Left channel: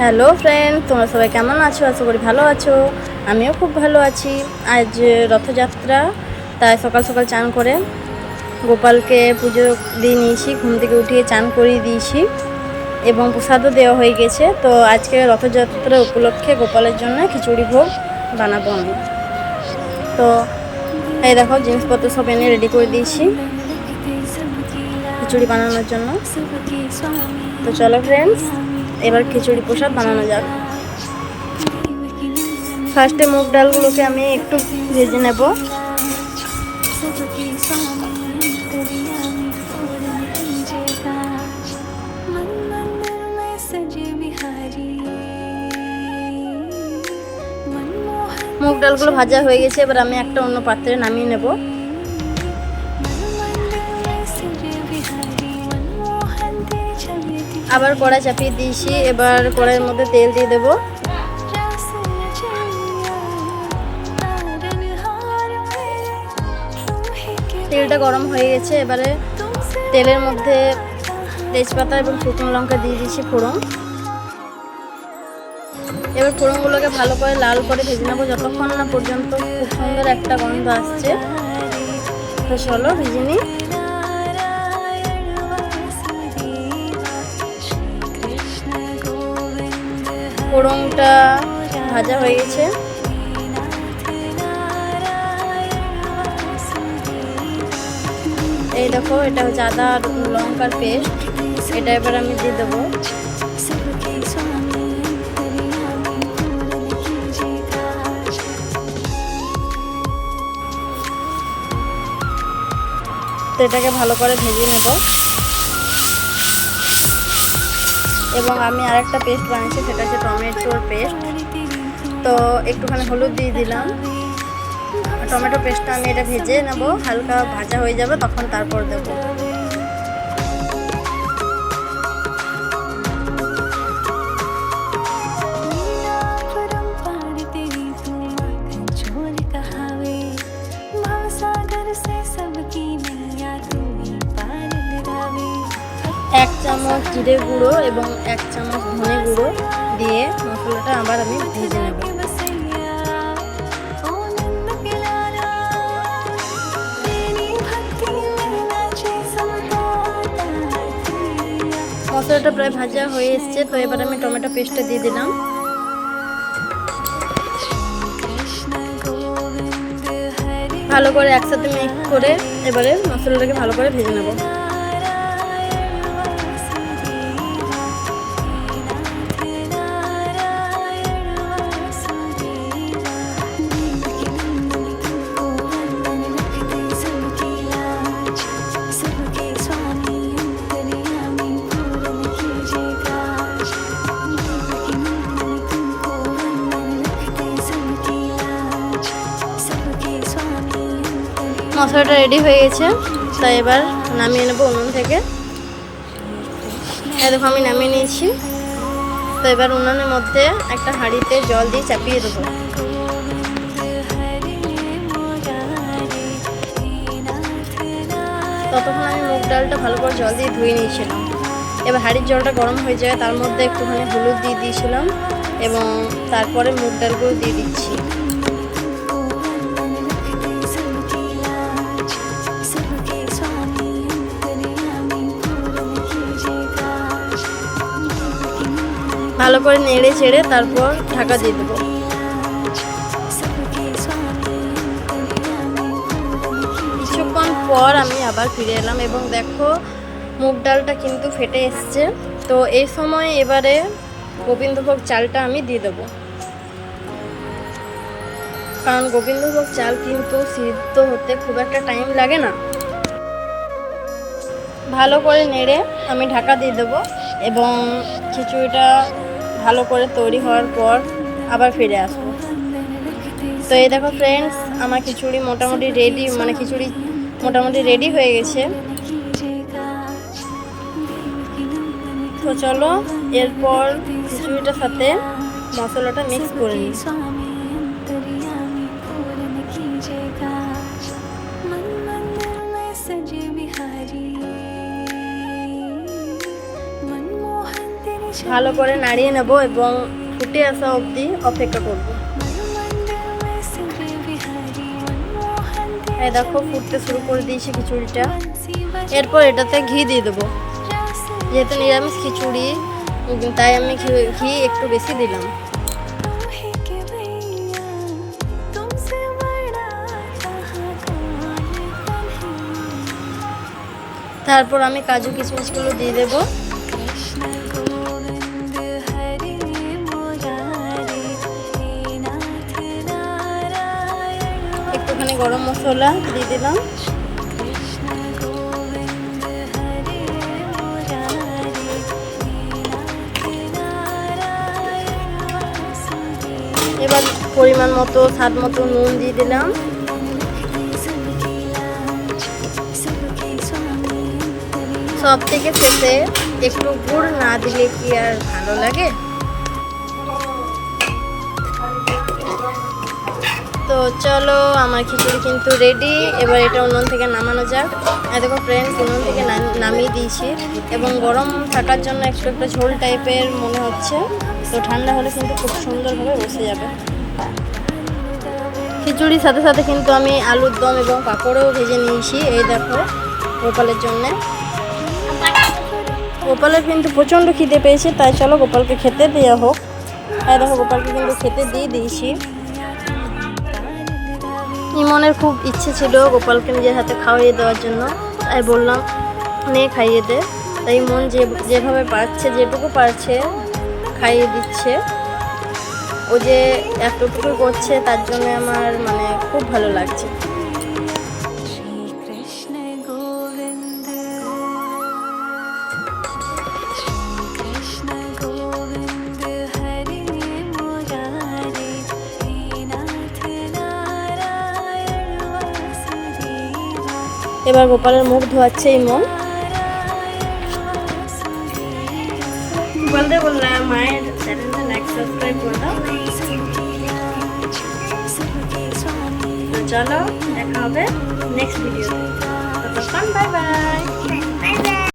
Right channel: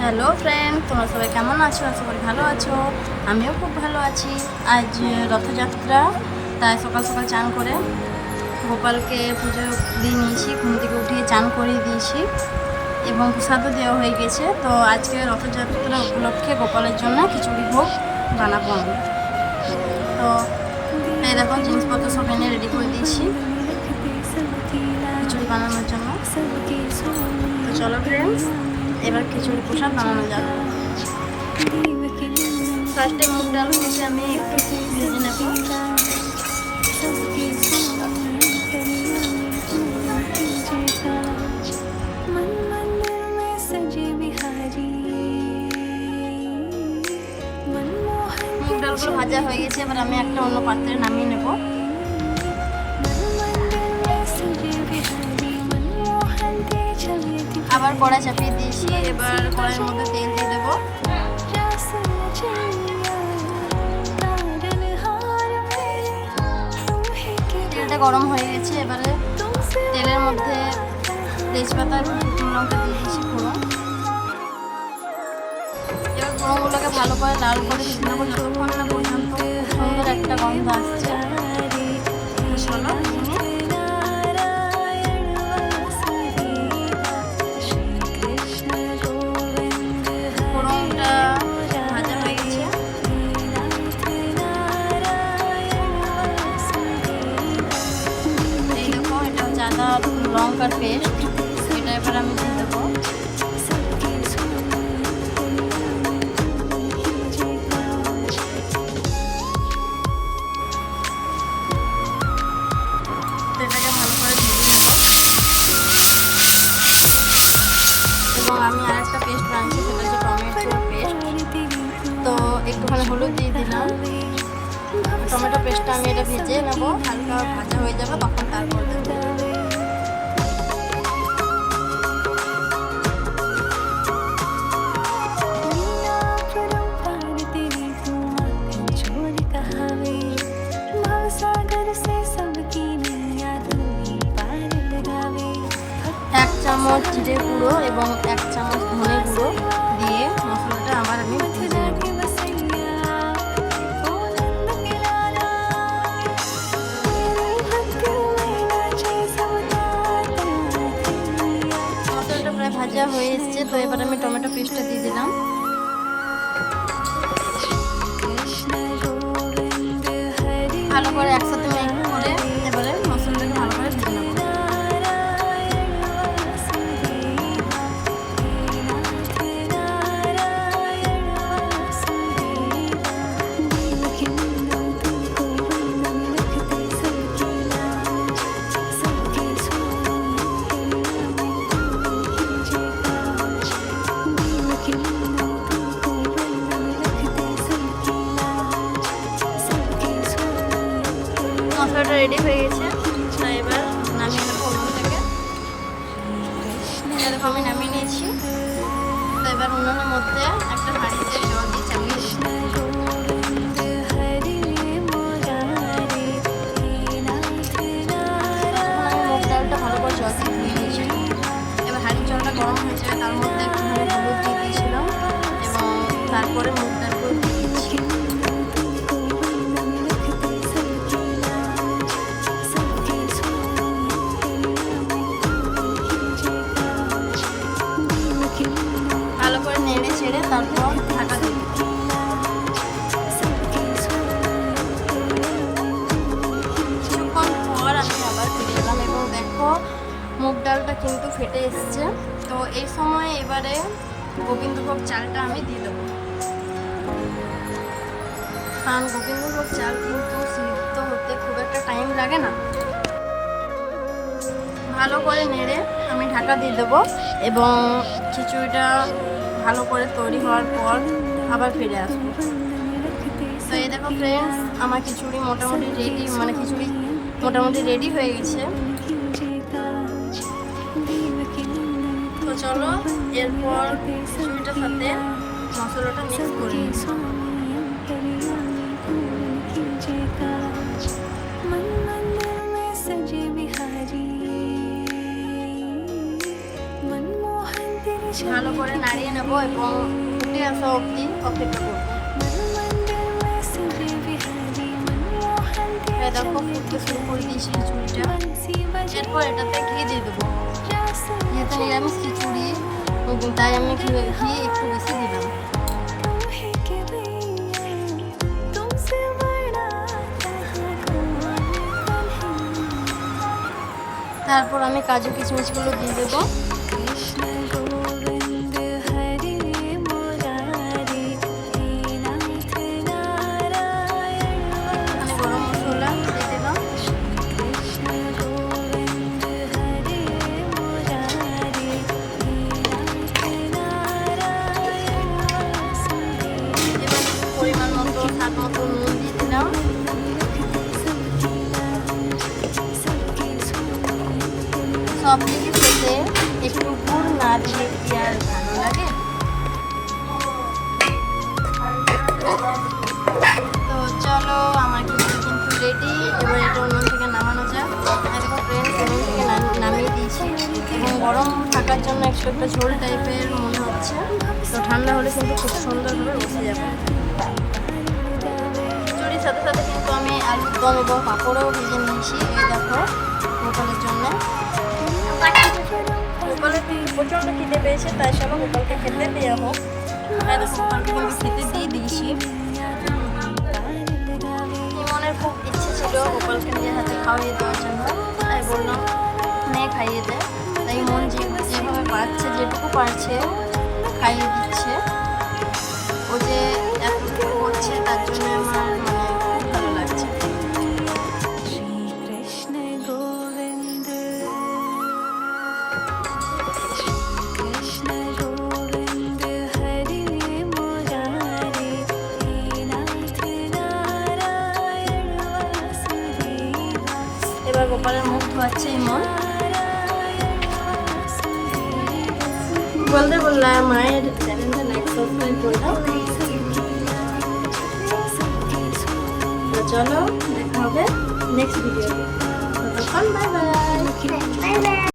Hello friend, তোমরা সবাই কেমন আছো? আশা করি ভালো আছো। আমিও খুব ভালো আছি। আজ রথযাত্রা, তাই সকাল সকাল চান করে গোপালকে পুজো দিয়ে নিয়েছি। ঘুম থেকে উঠিয়ে চান করিয়ে দিয়েছি এবং প্রসাদও দেওয়া হয়ে গেছে। তো আজকে রথযাত্রা উপলক্ষে গোপালের জন্য খিচুড়ি ভোগ বানাবো আমি। তো এই দেখো, জিনিসপত্র সব এনে রেডি করে দিয়েছি খিচুড়ি বানানোর জন্য। তো চলো ফ্রেন্ডস, এবার খিচুড়ি প্রসাদ বানানো যাক। ফার্স্টে মুগ ডালগুলোকে আমি একটু ভেজে নেব। মুগ ডালগুলো ভাজা হয়ে গেছে, এবার আমি একটা অন্য পাত্রে নামিয়ে নেব। আবার কড়াই চাপিয়ে দিয়েছি। এবার কড়াইয়ের মধ্যে তেল দিয়ে দেবো। তেলটা গরম হয়ে গেছে। এবারে তেলের মধ্যে তেজপাতা এবং শুকনো লঙ্কা দিয়ে দিয়েছি ফোড়ন। এবার ফোড়নগুলোকে ভালো করে লাল করে ভেজে নেবো যতক্ষণ না পর্যন্ত খুব সুন্দর একটা গন্ধ আসছে। তো চলো ভেজে নিই। ফোড়নটা ভাজা হয়ে গেছে। এই দেখো, এটা হচ্ছে আদা লঙ্কার পেস্ট। এটা এবার আমি দিয়ে দেবো। তো এটাকে ভালো করে ভেজে নেব। এবং আমি আরেকটা পেস্ট বানিয়েছি, সেটা হচ্ছে টমেটোর পেস্ট। তো একটুখানি হলুদ দিয়ে দিলাম। টমেটো পেস্টটা আমি এটা ভেজে নেব, হালকা ভাজা হয়ে যাবে তখন তারপর দেবো। এক চামচ জিরে গুঁড়ো এবং 1 চামচ ধনে গুঁড়ো দিয়ে মশলাটা আবার আমি ভেজে নেব। মশলাটা প্রায় ভাজা হয়ে এসছে। তো এবার আমি টমেটো পেস্টটা দিয়ে দিলাম। ভালো করে একসাথে মিক্স করে এবারে মশলাটাকে ভালো করে ভেজে নেব। মশলাটা রেডি হয়ে গেছে। তাই এবার নামিয়ে নেবো উনুন থেকে। দেখো আমি নামিয়ে নিয়েছি। তো এবার উনুনের মধ্যে একটা হাঁড়িতে জল দিয়ে চাপিয়ে দেবো। ততক্ষণ আমি মুগ ডালটা ভালো করে জল দিয়ে ধুয়ে নিয়েছিলাম। এবার হাঁড়ির জলটা গরম হয়ে যায়, তার মধ্যে একটুখানি হলুদ দিয়ে দিয়েছিলাম এবং তারপরে মুগ ডালগুলো দিয়ে দিচ্ছি। ভালো করে নেড়ে ছেড়ে তারপর ঢাকা দিয়ে দেবো। কিছুক্ষণ পর আমি আবার ফিরে এলাম এবং দেখো মুগ ডালটা কিন্তু ফেটে এসছে। তো এই সময় এবারে গোবিন্দভোগ চালটা আমি দিয়ে দেবো, কারণ গোবিন্দভোগ চাল কিন্তু সিদ্ধ হতে খুব একটা টাইম লাগে না। ভালো করে নেড়ে আমি ঢাকা দিয়ে দেবো এবং খিচুড়িটা ভালো করে তৈরি হওয়ার পর আবার ফিরে আসবো। তো এই দেখো ফ্রেন্ডস, আমার খিচুড়ি মোটামুটি রেডি হয়ে গেছে। তো চলো এরপর খিচুড়িটার সাথে মশলাটা মিক্স করে নিই। सजे बिहारी मनमोहन तेरी ভালো করে নাড়িয়ে নেব এবং ফুটে আসা অবধি অপেক্ষা করব। এই দেখো ফুটতে শুরু করে দিয়েছি খিচুড়িটা। এরপর এটাতে ঘি দিয়ে দেবো, যেহেতু নিরামিষ খিচুড়ি তাই আমি ঘি একটু বেশি দিলাম। তারপর আমি কাজু কিশমিশগুলো দিয়ে দেবো। একটুখানি গরম মশলা দিয়ে দিলাম। এবার পরিমাণ মতো স্বাদ মতো নুন দিয়ে দিলাম। সব থেকে শেষে একটু গুড় না দিলে কি আর ভালো লাগে। তো চলো, আমার খিচুড়ি কিন্তু রেডি। এবার এটা উনুন থেকে নামানো যাক। দেখো ফ্রেন্ডস, উনুন থেকে নামিয়ে দিয়েছি এবং গরম থাকার জন্য একটু একটা ঝোল টাইপের মনে হচ্ছে। তো ঠান্ডা হলে কিন্তু খুব সুন্দরভাবে বসে যাবে। খিচুড়ির সাথে সাথে কিন্তু আমি আলুর দম এবং পাঁপড়ও ভেজে নিয়েছি। এই দেখো গোপালের জন্যে। গোপালের কিন্তু প্রচণ্ড খিদে পেয়েছে, তাই চলো গোপালকে খেতে দেওয়া হোক। তাই দেখো গোপালকে কিন্তু খেতে দিয়ে দিয়েছি। ইমনের খুব ইচ্ছে ছিল গোপালকে নিজের হাতে খাওয়িয়ে দেওয়ার জন্য, তাই বললাম নে খাইয়ে দে। তাই মন যেভাবে পারছে, যেটুকু পারছে খাইয়ে দিচ্ছে। ও যে এতটুকু করছে তার জন্য আমার মানে খুব ভালো লাগছে। এবার গোপালের মুখ ধোয়াচ্ছে ইমন। বলতে বললাম মায়ের চ্যানেলটা লাইক সাবস্ক্রাইব করে দাও। তো চলো দেখা হবে নেক্সট ভিডিওতে। ততক্ষণ বাই বাই।